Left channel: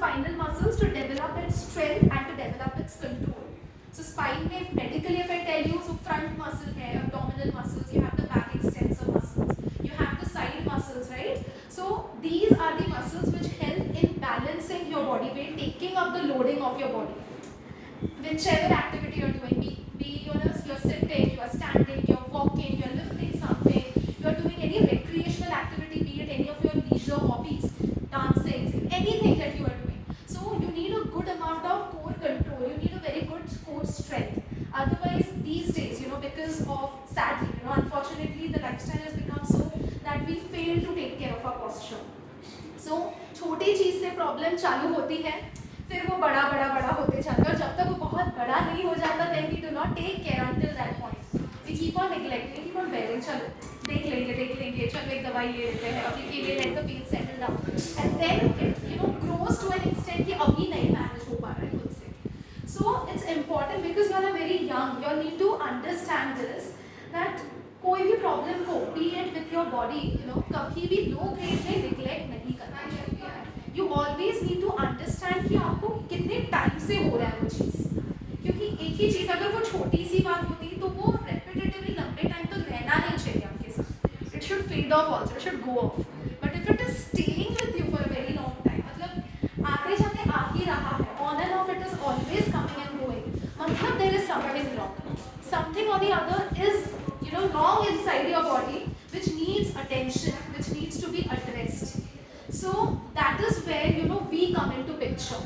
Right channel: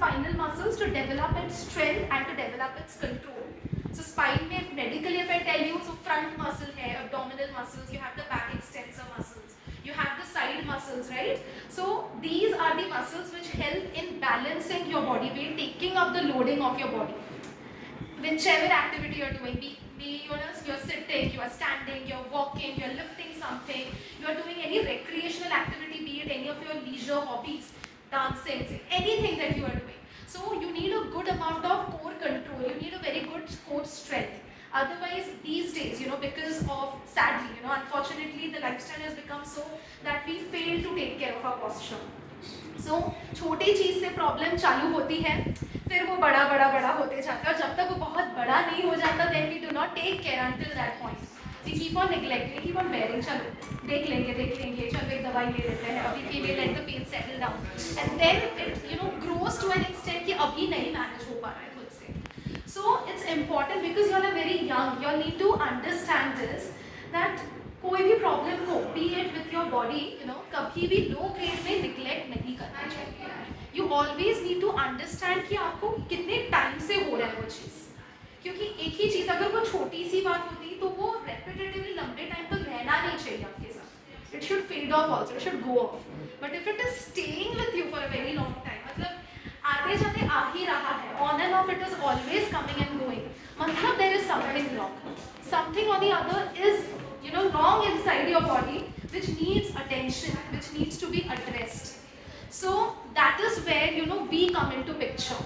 spinal muscles to develop its strength and to develop its control. So spine में medically if I tell you, so front muscle है, abdominal muscles, you have the back extensor muscles, you have the side muscles, right? So these are the muscles which help in balancing your body weight, taking up the loading of your body. Whichever activity you're doing, be you're sitting, you're standing, you're walking, you're lifting something, you're doing any recreational activity, be it any of your leisure hobbies, dancing, anything that you are doing. So you need a good amount of core control, you need a very good core strength. Otherwise, these days, because of, sadly, unfortunately, the lifestyle has become so that we fail to take care of our posture. So छोटी चीज़ से problem चालू होती है, फिर वो बड़ा होते जाता है, और जब तक वो बहुत बड़ा नहीं हो जाता, then we do not take care until that point. We keep on neglecting, keep on bearing, चलो देख लेंगे, चलो एक दवाई ले लेते हैं, अभी के लिए let the pain settle down, and then it grows to an extent कि अभी नहीं manage हो पा रहा है खुद से. So it's important because you are very young, you need to understand this that कोई भी प्रॉब्लम को be it with your body कभी भी लो ग्रेड में निग्लेक्ट नहीं करना चाहिए. You always need to understand कि आपको कितने टाइम से हो रहा है वो चीज़, क्योंकि एक ही चीज़ अगर वो छोटी सी बात होती तो वो रेपिटेटिवली लंबे टाइम तक रहना नहीं चाहिए आपके साथ. It should fade off also, it should go off. But if it is staying with you for a very long time, मतलब आते जाते आ ही रहा है, on and off it is always coming and going, मतलब there is something wrong. Something on the other is wrong inside your body, which needs attention, which needs to be addressed. So that is where we come into picture.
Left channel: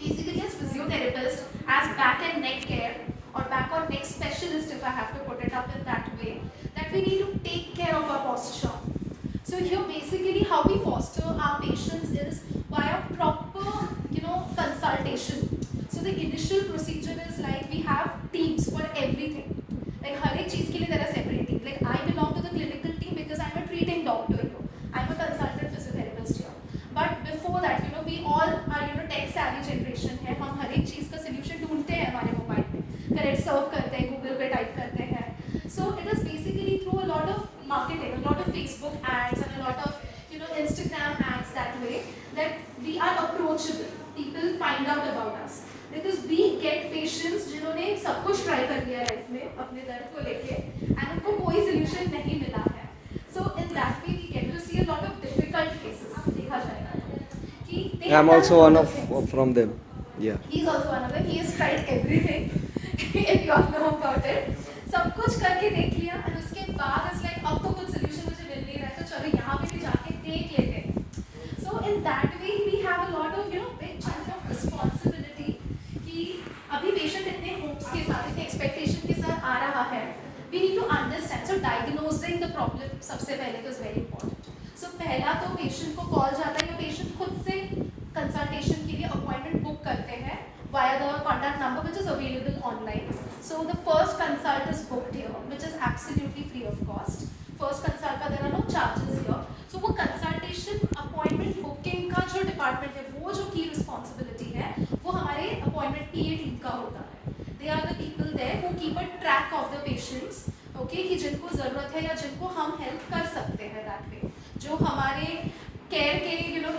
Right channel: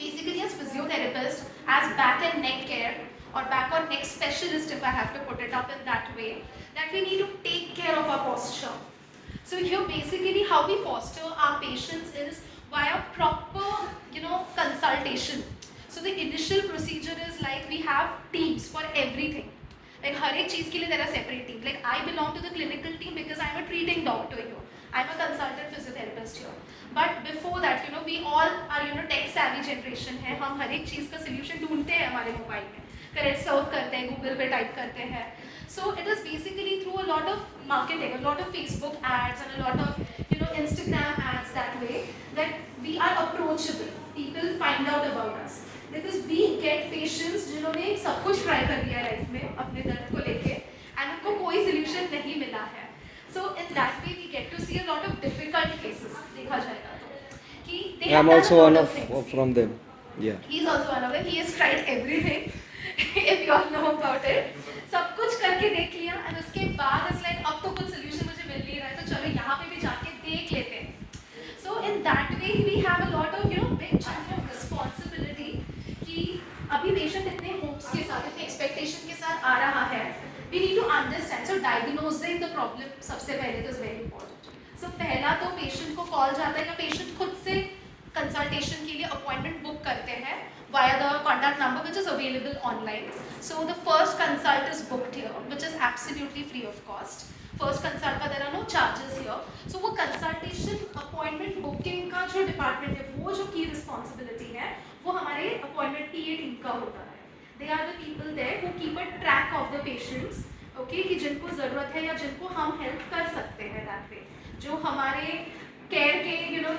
Basically, as physiotherapist, as back and neck care or back or neck specialist, if I have to put it up in that way, that we need to take care of our posture. So here basically how we foster our patients is via proper consultation. So the initial procedure is like we have teams for everything. Like हर एक चीज़ के लिए there are separate teams. Like I belong to the clinical team because I'm a treating doctor here. I'm a consultant physiotherapist here. But before that, we all are tech savvy generation है. हम हर एक चीज़ का solution ढूंढते हैं हमारे mobile में. Correct सर्व करते हैं, गूगल पे टाइप करते हैं. So it is basically through a lot of marketing, a lot of Facebook ads and a lot of Instagram ads that way that we are approachable. People find out about us. Because we get patients जिन्होंने सब कुछ try कर लिया है life में अपने दर्द को लेके and उनको कोई solution नहीं मिला है. So in that way we get to see a lot of difficult cases. देखा जाएगा तो कि I'm also one of from them. Yeah. He's also one of them. He has tried everything. If you all know about it. सब कुछ करके देख लिया and उसके बाद it's like अब तो कुछ solution मुझे मिल नहीं रहा है तो चलो यहाँ पे भी जाके देख लेते हैं. So in that way we have a lot of big chunk of responsibility. अभी पेशेंट इतने होप्स के साथ, इतने एक्सपेक्टेशन के साथ आ रहा है, we need to understand. So diagnosing the problem सबसे पहले तो इज वेरी इंपॉर्टेंट. सो पहला तो पेशेंट को कॉल जाता है या पेशेंट खुद से कंसल्टेशन के लिए अपॉइंटमेंट बुक करते हैं via the contact number which is available online. So the first consult is booked here, which is absolutely free of cost. First consult का there are no charges here. So वो consultation appointment booking का जो department है, वो जो key responsibility है, वो हमारे appointment PA team का होता है. They are the people there who keep a track of the patients, okay, कि जिनको ज़रूरत है या जिनको हम help कर सकते हैं that way. जो हमारे केयर के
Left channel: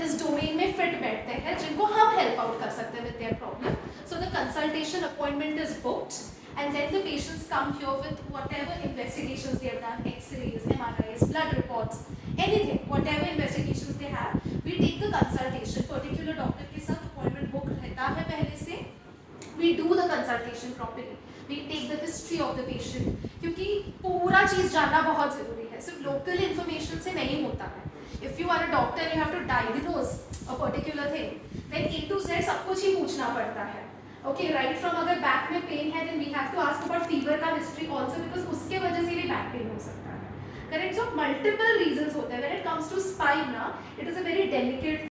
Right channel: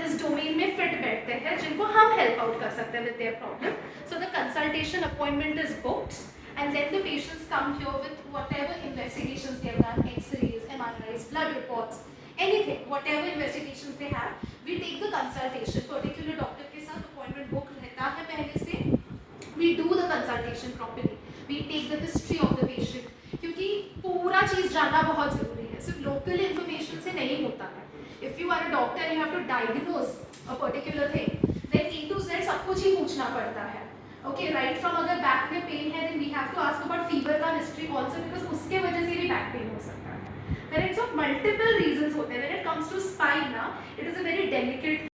इस डोमेन में फिट बैठते हैं, जिनको हम हेल्प आउट कर सकते हैं with their problem. So the consultation appointment is booked and then the patients come here with whatever investigations they have done, x-rays, MRIs, blood reports, anything, whatever investigations they have, we take the consultation. Particular doctor के साथ appointment book रहता है पहले से. We do the consultation properly, we take the history of the patient, क्योंकि पूरा चीज़ जानना बहुत ज़रूरी है. सिर्फ लोकल इन्फॉर्मेशन से नहीं होता है. If you are a doctor and you have to diagnose a particular thing, then A to Z सब कुछ ही पूछना पड़ता है. Okay, right from अगर बैक में पेन है, then we have to ask about fever का history also because उसके वजह से भी बैक पेन हो सकता है. Correct? So multiple reasons होते हैं. When it comes to spine ना, it is a very delicate